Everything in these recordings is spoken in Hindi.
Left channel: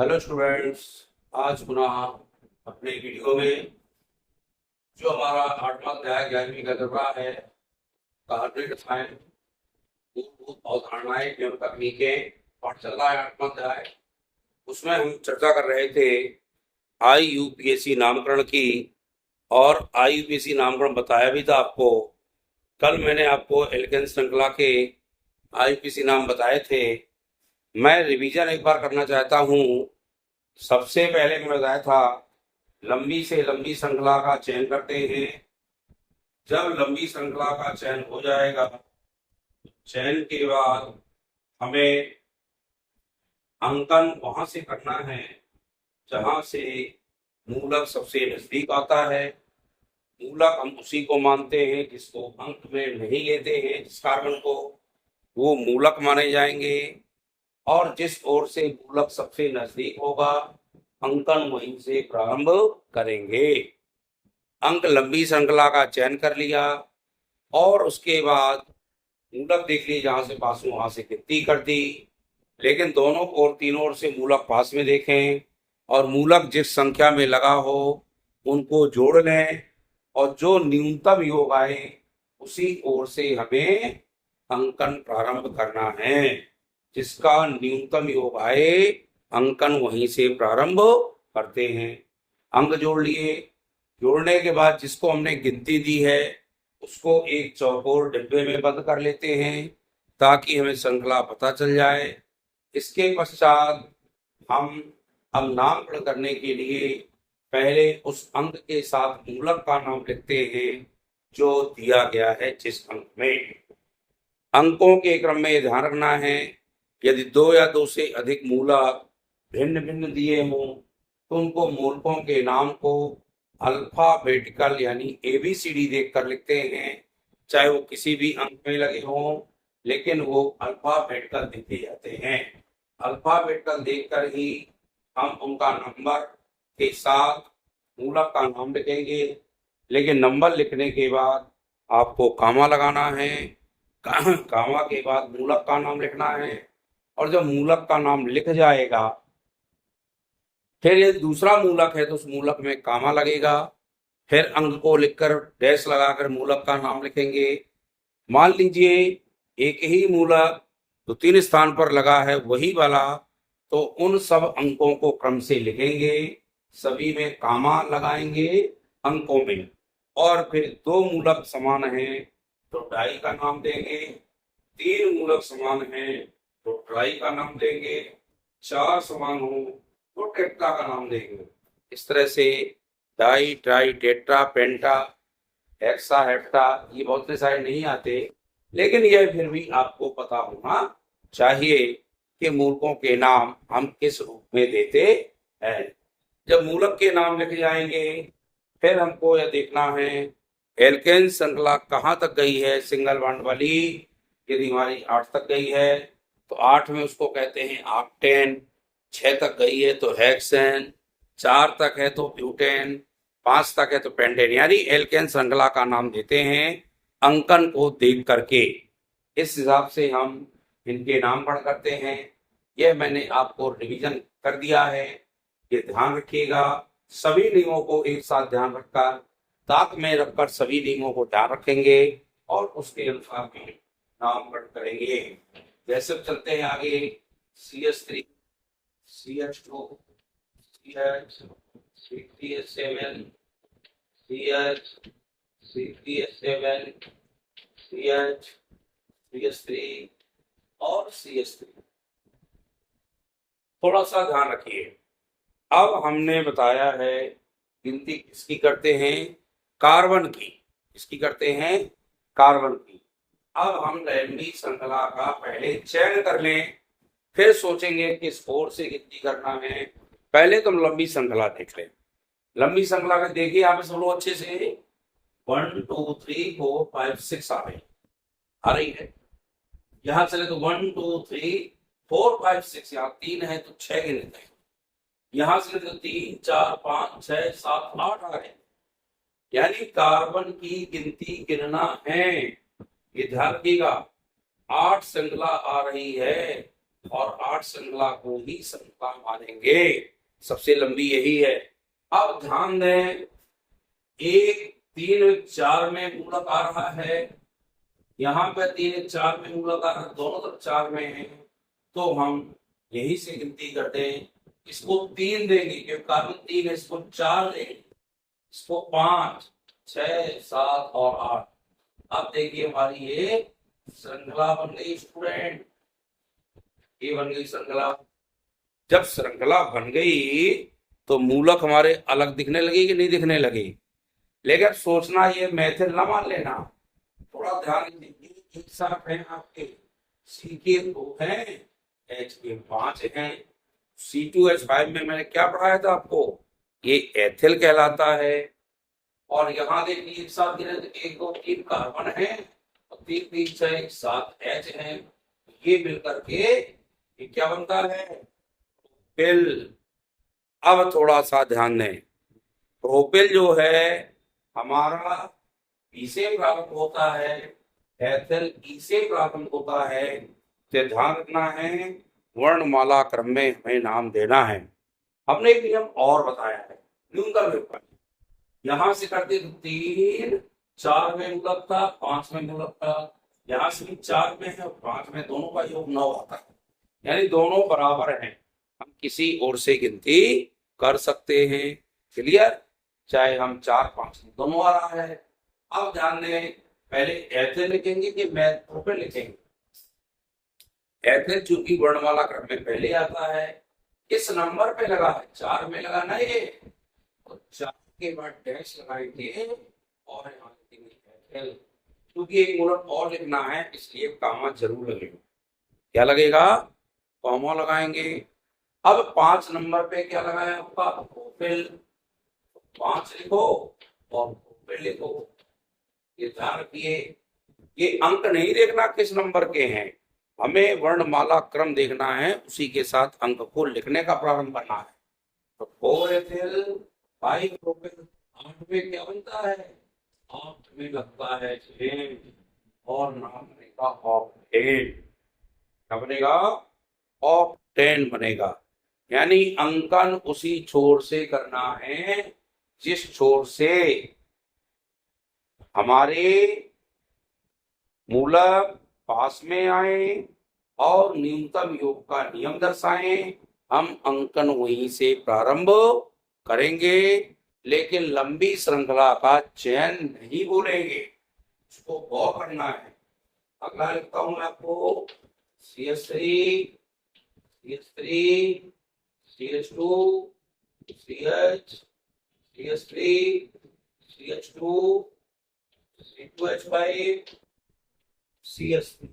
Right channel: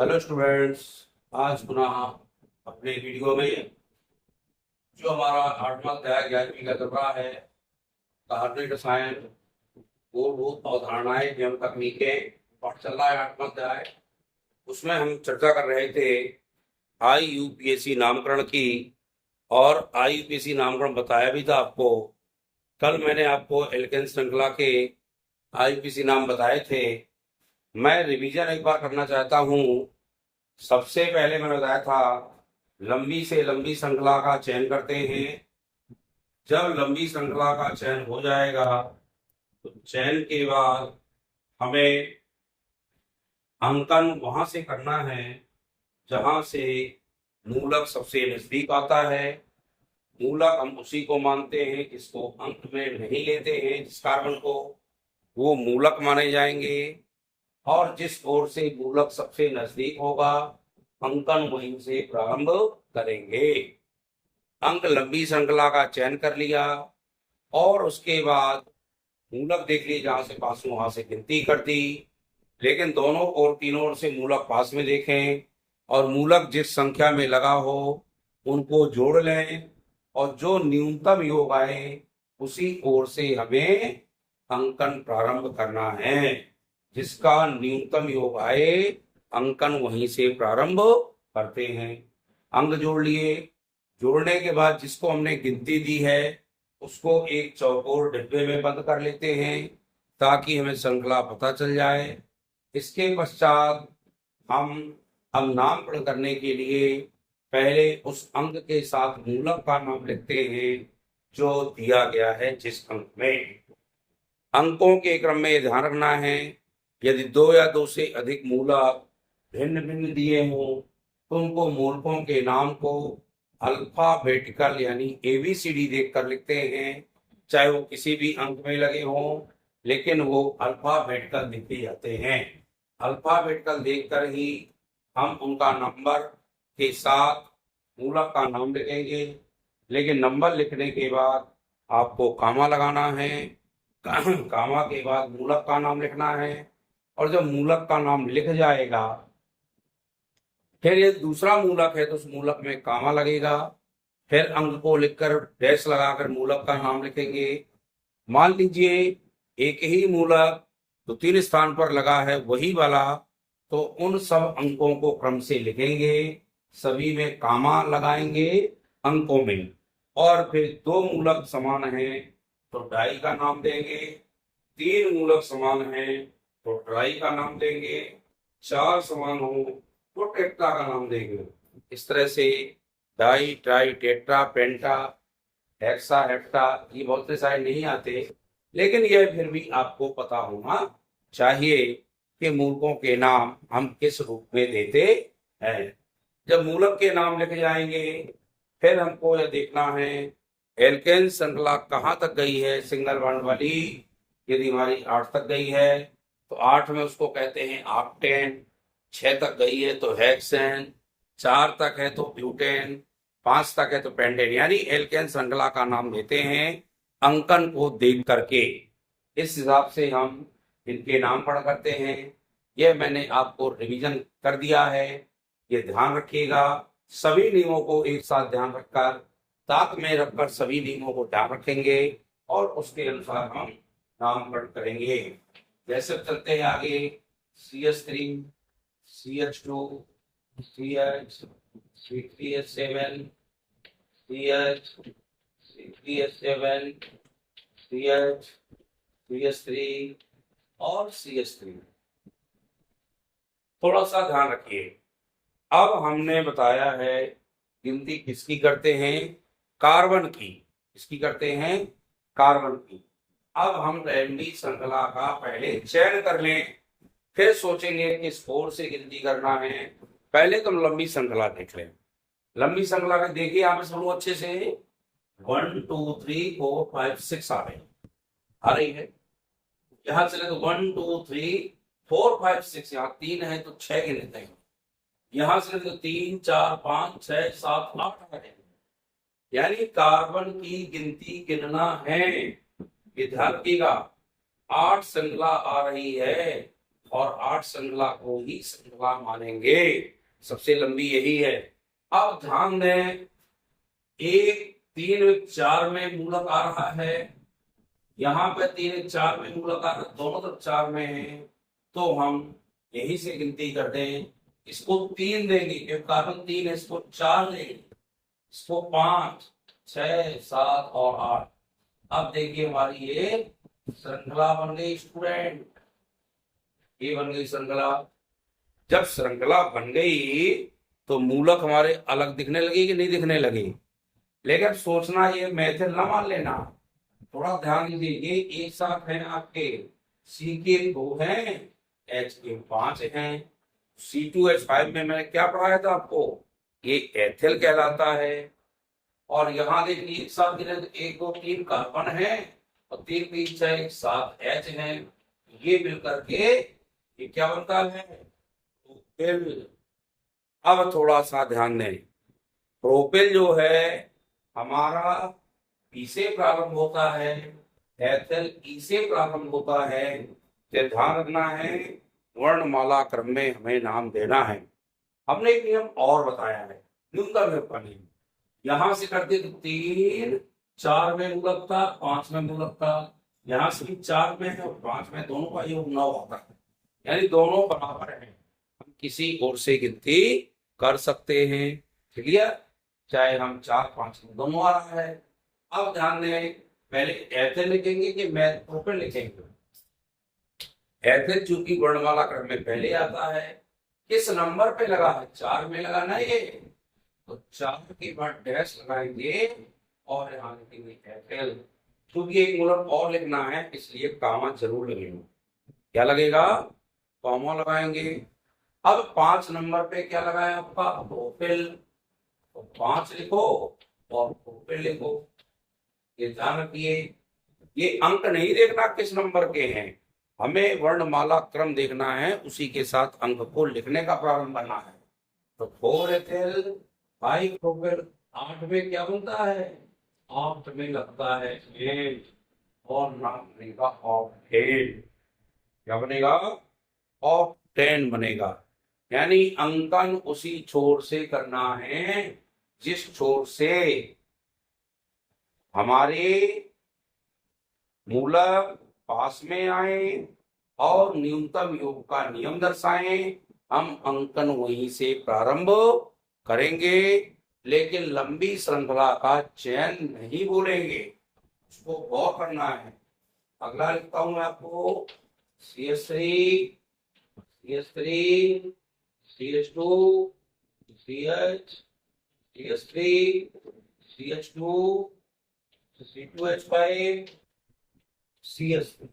Hello students. आज पुनः अपने वीडियो में जो हमारा 8वां अध्याय 11वीं का चल रहा है, कार्बनिक रसायन, मूलभूत अवधारणाएं एवं तकनीकें, पाठ चल रहा है 8वां अध्याय। उसमें हम चर्चा कर रहे थे IUPAC नामकरण की। और IUPAC नामकरण बताया भी था आपको। कल मैंने आपको एल्केन श्रृंखला के IUPAC नाम बताए थे। मैं रिवीजन एक बार करना चाहता हूँ। सबसे पहले मैंने बताया था, लंबी से लंबी श्रृंखला का चयन करते हैं। जब लंबी श्रृंखला का चयन हो जाएगा तो चयन के बाद हमें अंकन वहां से करना है जहां से मूलक सबसे नजदीक आता है। मूलक हम उसी को मानते हैं जिसको अंक में नहीं लेते हैं। जिस कार्बन को वो मूलक माने जाएंगे, और जिस ओर से मूलक सबसे नजदीक होगा अंकन वहीं से प्रारंभ करेंगे। अंक लंबी श्रृंखला का चयन कर लिया और उसके बाद मूलक देख लिए, जहां से पास में वहां से गिनती कर दी। लेकिन दोनों और तीनों ओर से मूलक पास में देखें और मूलक जिस संख्या में लगा हो उनको जोड़ लें, और जो न्यूनतम योग आए उसी ओर से हमें अंकन प्रारंभ करना है। जिसका न्यूनतम योग आए अंकन वहीं से प्रारंभ करते हैं। अंक जोड़ लिए, जोड़ने के बाद जिसको हमने गिनती दी है उसको एक चौकोर डिब्बे में बंद कर लेते हैं ताकि हमें श्रृंखला पता चल जाए। इसके पश्चात हम अब नामकरण करने के लिए पहले उस अंक के साथ मूलक का नाम लिखते हैं जो दिया गया है जिस अंक में। अंकों के क्रम में यह ध्यान रखना है, यदि दो या दो से अधिक मूलक भिन्न भिन्न दिए हों तो उनको मूलकों के नाम को अल्फाबेटिकल यानी ABCD देखकर लिखते हैं। चाहे वो किसी भी अंक में लगे हों, लेकिन वो अल्फाबेटिकल लिखे जाते हैं। अल्फाबेटिकल देखकर ही हम उनका नंबर के साथ मूलक का नाम लिखेंगे। लेकिन नंबर लिखने के बाद आपको कामा लगाना है। कामा के बाद मूलक का नाम लिखना है, और जब मूलक का नाम लिख जाएगा फिर ये दूसरा मूलक है तो उस मूलक में कामा लगेगा। फिर अंक को लिखकर डैश लगाकर मूलक का नाम लिखेंगे। मान लीजिए एक ही मूलक तो 3 स्थान पर लगा है वही वाला, तो उन सब अंकों को क्रम से लिखेंगे, सभी में कामा लगाएंगे अंकों में। और फिर 2 मूलक समान हैं तो डाई का नाम देंगे, 3 मूलक समान हैं तो ट्राई का नाम देंगे, 4 समान हो तो टेट्रा का नाम देंगे। इस तरह से डाई, ट्राई, टेट्रा, पेंटा, हेक्सा, हेप्टा, ये बहुत से सारे नहीं आते, लेकिन यह फिर भी आपको पता होना चाहिए कि मूलकों के नाम हम किस रूप में देते हैं। जब मूलक के नाम लिखे जाएंगे फिर हमको यह देखना है एल्केन श्रृंखला कहाँ तक गई है। सिंगल बॉन्ड वाली यदि हमारी 8 तक गई है तो 8 में उसको कहते हैं ऑक्टेन। 6 तक गई है तो हेक्सेन, 4 तक है तो ब्यूटेन, 5 तक है तो पेंटेन। यानी एल्केन श्रृंखला का नाम देते हैं अंकन को देख करके। इस हिसाब से हम इनके नामकरण करते हैं। यह मैंने आपको रिवीजन कर दिया है, ये ध्यान रखिएगा। सभी नियमों को एक साथ ध्यान रखकर, ताक में रखकर सभी नियमों को ध्यान रखेंगे और उसके अनुसार हम नामकरण करेंगे। जैसे चलते हैं आगे, CH3, CH2, CH, C3H7, CH, C3H7, CH, CH3 और CH3। थोड़ा सा ध्यान रखिए। अब हमने बताया है गिनती किसकी करते हैं, कार्बन की। किसकी करते हैं, कार्बन की। अब हम लंबी श्रृंखला का पहले चयन कर लें, फिर सोचेंगे किस ओर से गिनती करना है। पहले तुम लंबी श्रृंखला देख लें। लंबी श्रृंखला में देखिए आप सब लोग अच्छे से 1 2 3 4 5 6 आ रही है। यहां चले तो 1 2 3 4 5 6, यहाँ 3 है तो 6 गिनते हैं। यहां से तो 3 4 5 6 7 8 आ रहे, यानी कार्बन की गिनती गिनना है। ये ध्यान रखिएगा, 8 श्रृंखला आ रही है और 8 श्रृंखला को ही श्रृंखला मानेंगे, सबसे लंबी यही है। अब ध्यान दें, 1 3 4 में मूलक आ रहा है, यहाँ पे 3 4 में मूलक आ रहा है, दोनों तरफ 4 में है, तो हम यही से गिनती करते हैं। इसको 3 देंगे क्योंकि कार्बन 3 है, इसको 4 लेंगे, इसको 5 6 7 और 8। अब देखिए हमारी ये श्रृंखला बन गई स्टूडेंट, ये बन गई श्रृंखला। जब श्रृंखला बन गई तो मूलक हमारे अलग दिखने लगे कि नहीं दिखने लगे। लेकिन सोचना ये मेथड ना मान लेना, थोड़ा ध्यान दीजिए। एक साथ हैं आपके सी के 2 हैं, एच के 5 हैं। C2H5 में मैंने क्या पढ़ाया था आपको, ये एथिल कहलाता है। और यहाँ देखिए एक साथ 1 2 3 कार्बन है और 3 3 6 7 H है, ये मिलकर के ये क्या बनता है, प्रोपिल। अब थोड़ा सा ध्यान दें, प्रोपिल जो है हमारा पी से प्रारंभ होता है, एथिल ई से प्रारंभ होता है। तो ध्यान रखना है, वर्णमाला क्रम में हमें नाम देना है। हमने एक नियम और बताया है, न्यूनतम योग का नियम। यहां से करते तो 3 4 में मूलक था, 5 में मूलक था, यहाँ से भी 4 में है और 5 में, दोनों का योग 9 आता है, यानी दोनों बराबर हैं। हम किसी ओर से गिनती कर सकते हैं, क्लियर, चाहे हम 4 5 में दोनों आ रहा है। अब ध्यान दें, पहले एथिल लिखेंगे कि प्रोपिल लिखेंगे। एथिल चूंकि वर्णमाला क्रम में पहले आता है, किस नंबर पे लगा है, 4 में लगा ना ये, तो 4 के बाद डैश लगाएंगे और यहाँ लिखेंगे एथिल। क्योंकि एक मूलक और लिखना है इसलिए कामा जरूर लगेगा। क्या लगेगा, कॉमा लगाएंगे। अब 5 नंबर पे क्या लगाया आपका, प्रोपिल, तो 5 लिखो और प्रोपिल लिखो। ये ध्यान रखिए, ये अंक नहीं देखना किस नंबर के हैं, हमें वर्णमाला क्रम देखना है, उसी के साथ अंक को लिखने का प्रारंभ करना है। तो 4 एथिल 5 प्रोपिल, 8 में क्या बनता है, 8 में लगता है 8 और नाम बनेगा ऑक्टेन। क्या बनेगा, ऑक्टेन बनेगा। यानी अंकन उसी छोर से करना है जिस छोर से हमारे मूलक पास में आए और न्यूनतम योग का नियम दर्शाएं। हम अंकन वहीं से प्रारंभ करेंगे, लेकिन लंबी श्रृंखला का चयन नहीं बोलेंगे, उसको गौर करना है। अगला लिखता हूं मैं आपको, CH3 CH3 CH2 CH CH3 CH2 C2H5 CH3।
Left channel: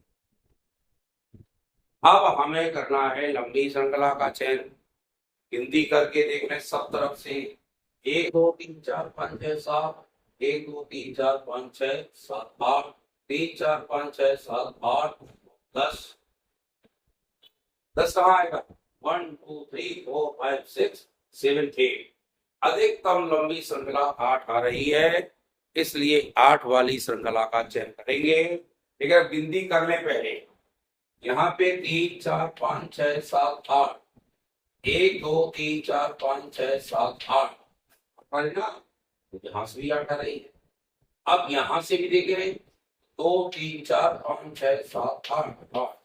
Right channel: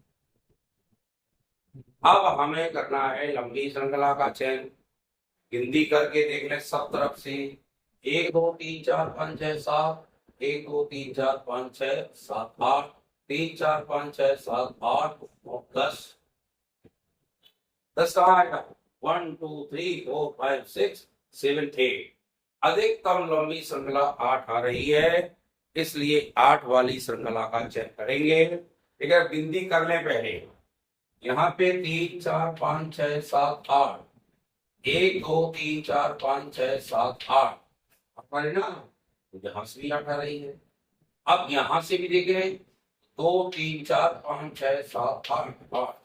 अब हमें करना है लंबी श्रृंखला का चयन, गिनती करके देखने सब तरफ से, 1 2 3 4 5 6 7, 1 2 3 4 5 6 7 8, 3 4 5 6 7 8 और 10। 10 कहाँ आएगा, 1 2 3 4 5 6 7 8। अधिकतम लंबी श्रृंखला 8 आ रही है, इसलिए 8 वाली श्रृंखला का चयन करेंगे। लेकिन गिनती करने पहले यहाँ पे 3 4 5 6 7 8, 1 2 3 4 5 6 7 8 ना, यहाँ से भी 8 आ रही है। अब यहाँ से भी देखें, 2 3 4 5 6 7 8 8,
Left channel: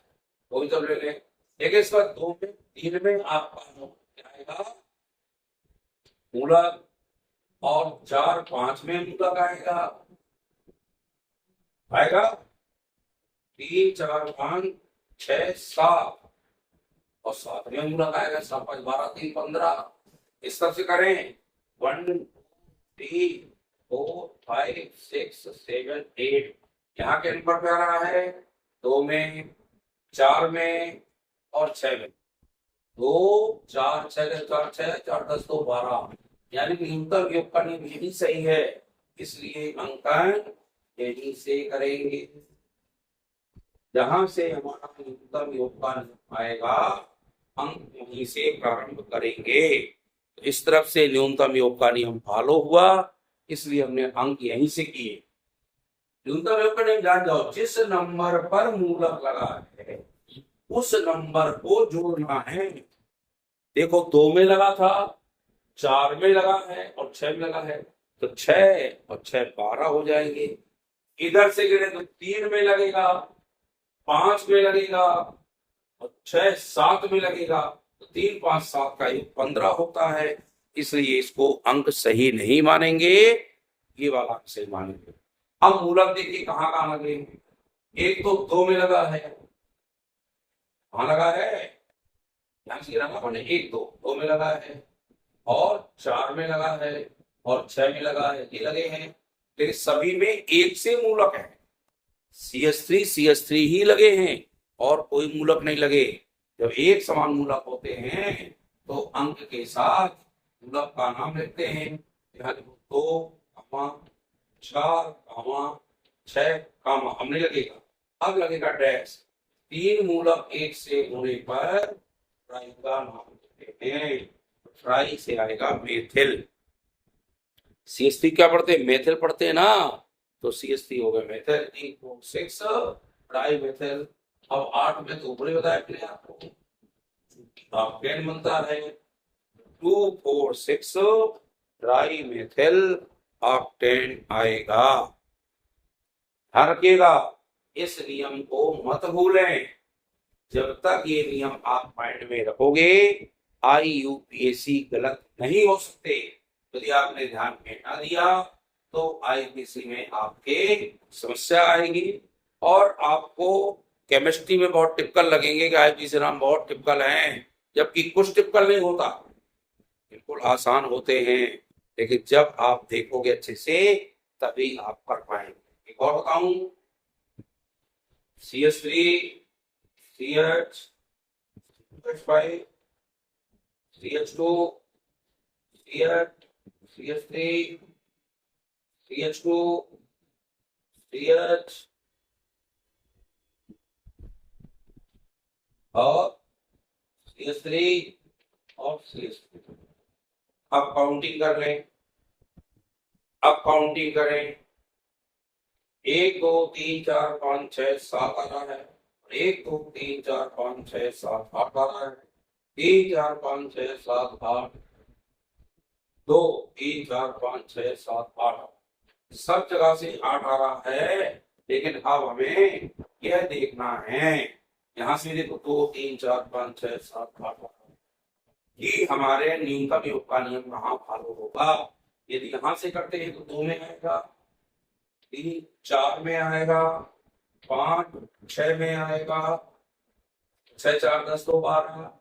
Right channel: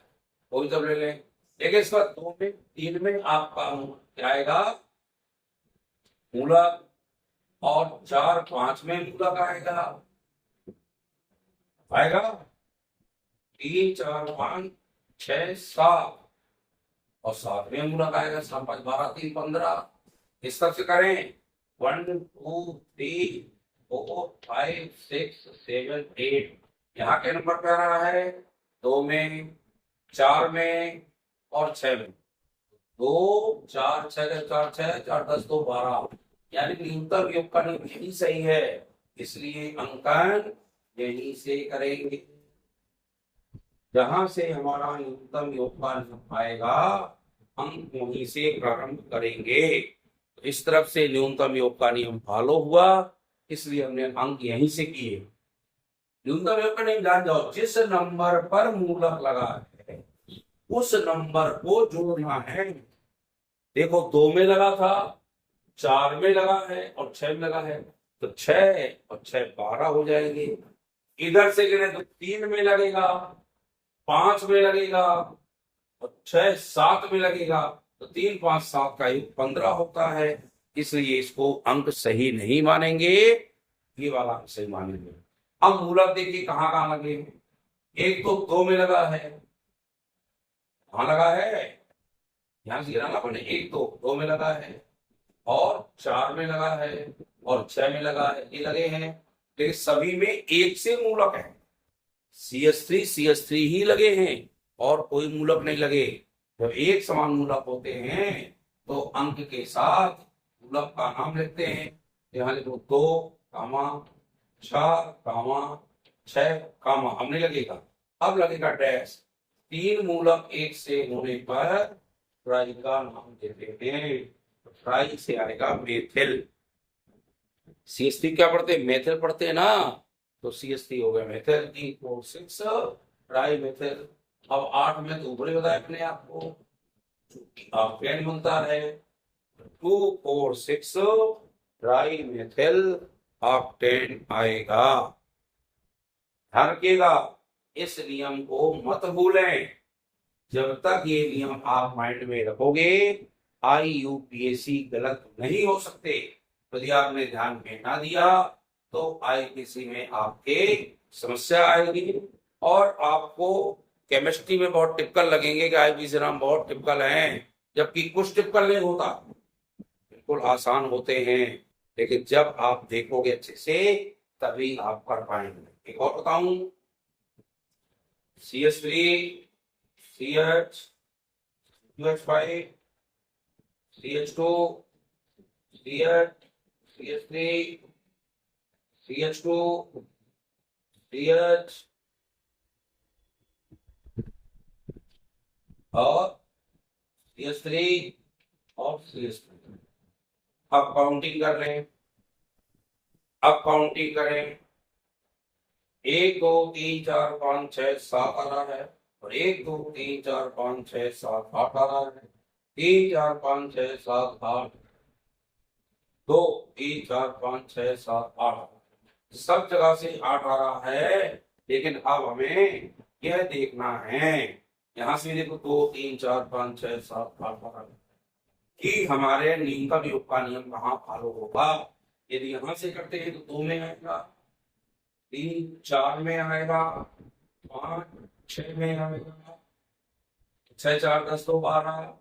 वो भी जब ले लें। लेकिन इस बार 2 में 3 में आपका क्या आएगा, मूलक, और 4 5 में मूलक आएगा 3 4 5 6 7 और 7 में मूलक आएगा 7 5 12 3 15। इस तरह से करें, 1 2 3 4 5 6 7 8। यहाँ के नंबर पे आ रहा है 2 में 4 में और 6 में, 2 4 6 4 6 4 10 2 12, यानी न्यूनतम योग का नियम यही सही है, इसलिए अंकन यहीं से करेंगे। जहां से हमारा न्यूनतम योग का नियम आएगा, अंक वहीं से प्रारंभ करेंगे। तो इस तरफ से न्यूनतम योग का नियम फॉलो हुआ, इसलिए हमने अंक यहीं से किए। न्यूनतम योग का नियम जान जाओ, जिस नंबर पर मूलक लगा है उस नंबर को जोड़ना है। देखो 2 में लगा था, 4 में लगा है और 6 में लगा है, तो 6 और 6 12 हो जाएंगे। इधर से गिरे तो 3 में लगेगा, 5 में लगेगा और 6 7 में लगेगा, तो 3 5 7 का योग 15 होता है। इसलिए इसको अंक सही नहीं मानेंगे, ये वाला अंक सही मानेंगे। अब मूलक देखिए कहाँ कहाँ लगे। एक तो 2 में लगा है, कहाँ लगा है, ध्यान से गिराना पड़े। एक तो 2 में लगा है और 4 में लगा है और 6 में लगा है, ये लगे हैं। लेकिन सभी में एक से मूलक है, CH3 ही लगे हैं और कोई मूलक नहीं लगे। जब एक समान मूलक होते हैं तो अंक के साथ मूलक का नाम लिखते हैं। यहाँ लिखो 2, 4, 6, हमने लगेगा। अब लगेगा डैश। 3 मूलक एक से होने पर ट्राई का नाम देते हैं। ट्राई से आएगा मेथिल। CH3 क्या पढ़ते हैं, मेथिल पढ़ते हैं ना, तो CH3 हो गया मेथिल। 3 4 6 try methyl. अब 8 में तो ऊपर ही बताया अपने आपको, ऑक्टेन बनता है। 2 4 6 ट्राई मेथिल ऑक्टेन आएगा। ध्यान रखिएगा, इस नियम को मत भूलें। जब तक ये नियम आप माइंड में रखोगे, IUPAC गलत नहीं हो सकते। यदि आपने ध्यान में ना दिया तो IUPAC में आपके समस्या आएगी और आपको केमिस्ट्री में बहुत टिपिकल लगेंगे कि IUPAC नाम बहुत टिपिकल हैं, जबकि कुछ टिपिकल नहीं होता, बिल्कुल आसान होते हैं। लेकिन जब आप देखोगे अच्छे से तभी आप कर पाएंगे। एक और बताऊं, CH3 CH CH5 CH2 CH CH3 CH2 CH और CH3 और CH3। अब काउंटिंग कर लें, अब काउंटिंग करें। 1 2 3 4 5 6 7 आ रहा है और 1 2 3 4 5 6 7 8 आ रहा है। 3 4 5 6 7 8 2 3 4 5 6 7 8 सब जगह से 8 आ रहा है। लेकिन अब हमें यह देखना है, यहाँ से देखो 2 3 4 5 6 7 8 आ रहा है कि हमारे न्यूनतम योग का नियम कहाँ फॉलो होगा। यदि यहाँ से करते हैं तो 2 में आएगा, 3 4 में आएगा, 5 6 में आएगा, 6 4 10 2 12।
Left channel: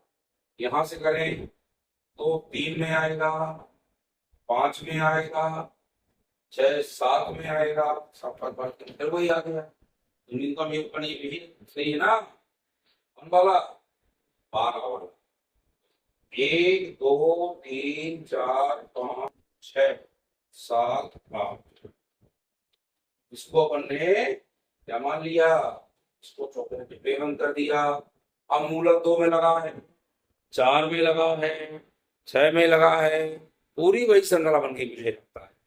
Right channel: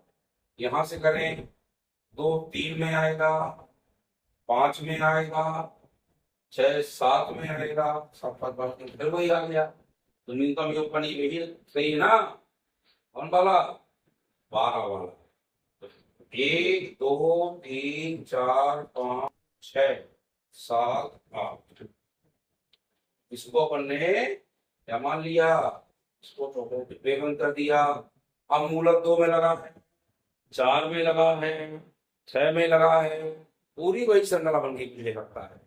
यहाँ से करें तो 3 में आएगा, 5 में आएगा, 6 7 में आएगा, 7 5 5 फिर वही आ गया। तो न्यूनतम योग का नियम यही सही है ना, कौन वाला, 12 वाला। 1 2 3 4 5 6 7 8 इसको अपन ने क्या मान लिया, इसको चौकोर डिब्बे बंद कर दिया। अब मूलक 2 में लगा है, 4 में लगा है, 6 में लगा है, पूरी वही श्रृंखला बन के मुझे लगता है।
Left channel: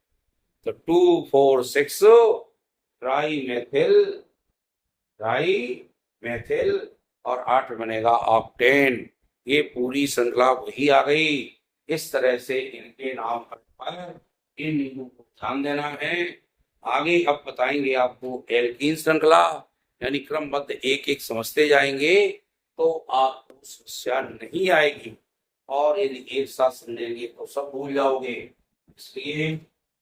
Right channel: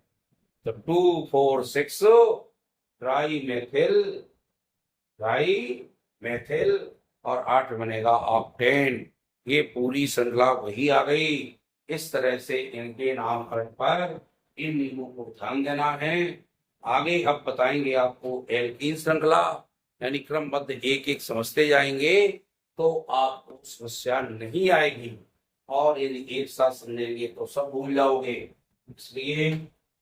तो 2 4 6 ट्राई मेथिल और 8 बनेगा ऑक्टेन। ये पूरी श्रृंखला वही आ गई। इस तरह से इनके नामकरण पर इन नियमों को ध्यान देना है। आगे अब बताएंगे आपको एल्कीन श्रृंखला, यानी क्रमबद्ध एक एक समझते जाएंगे तो आपको समस्या नहीं आएगी। और यदि एक साथ समझेंगे तो सब भूल जाओगे, इसलिए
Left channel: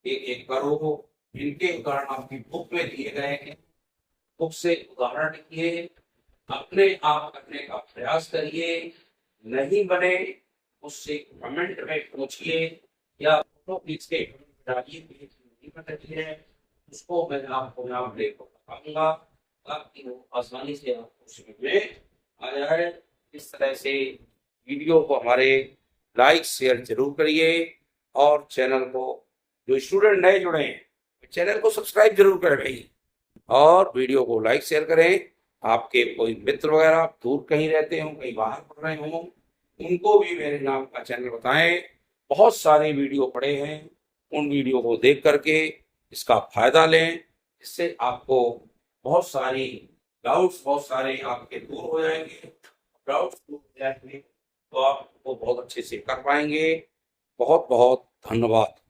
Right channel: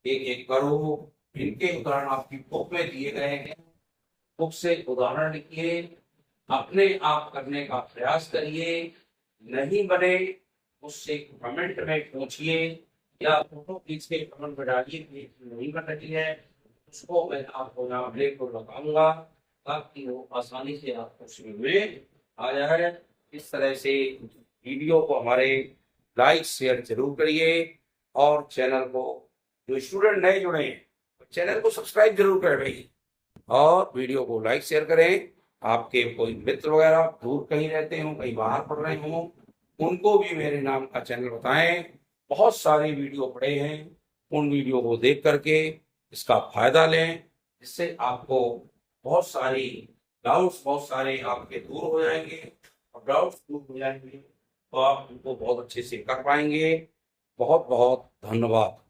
एक एक करो। इनके उदाहरण आपकी बुक में दिए गए हैं, बुक से उदाहरण लिखिए, अपने आप करने का प्रयास करिए। नहीं बने उससे कमेंट में पूछिए या फोटो खींच के कमेंट में डालिए कि नहीं बन रही है, उसको मैं आपको यहाँ ब्रेक को लगाऊंगा ताकि वो आसानी से आपको समझ में आ जाए। इस तरह से वीडियो को हमारे लाइक शेयर जरूर करिए और चैनल को, जो स्टूडेंट नए जुड़े हैं चैनल को सब्सक्राइब जरूर करें भाई, और वीडियो को लाइक शेयर करें। आपके कोई मित्र वगैरह दूर कहीं रहते हों, कहीं बाहर पढ़ रहे हों, उनको भी मेरे नाम का चैनल बताएं। बहुत सारे वीडियो पड़े हैं, उन वीडियो को देख करके इसका फायदा लें, इससे आपको बहुत सारी डाउट्स बहुत सारे आपके दूर हो जाएंगे डाउट्स दूर हो जाएंगे, तो आप उनको बहुत अच्छे से कर पाएंगे। बहुत बहुत धन्यवाद।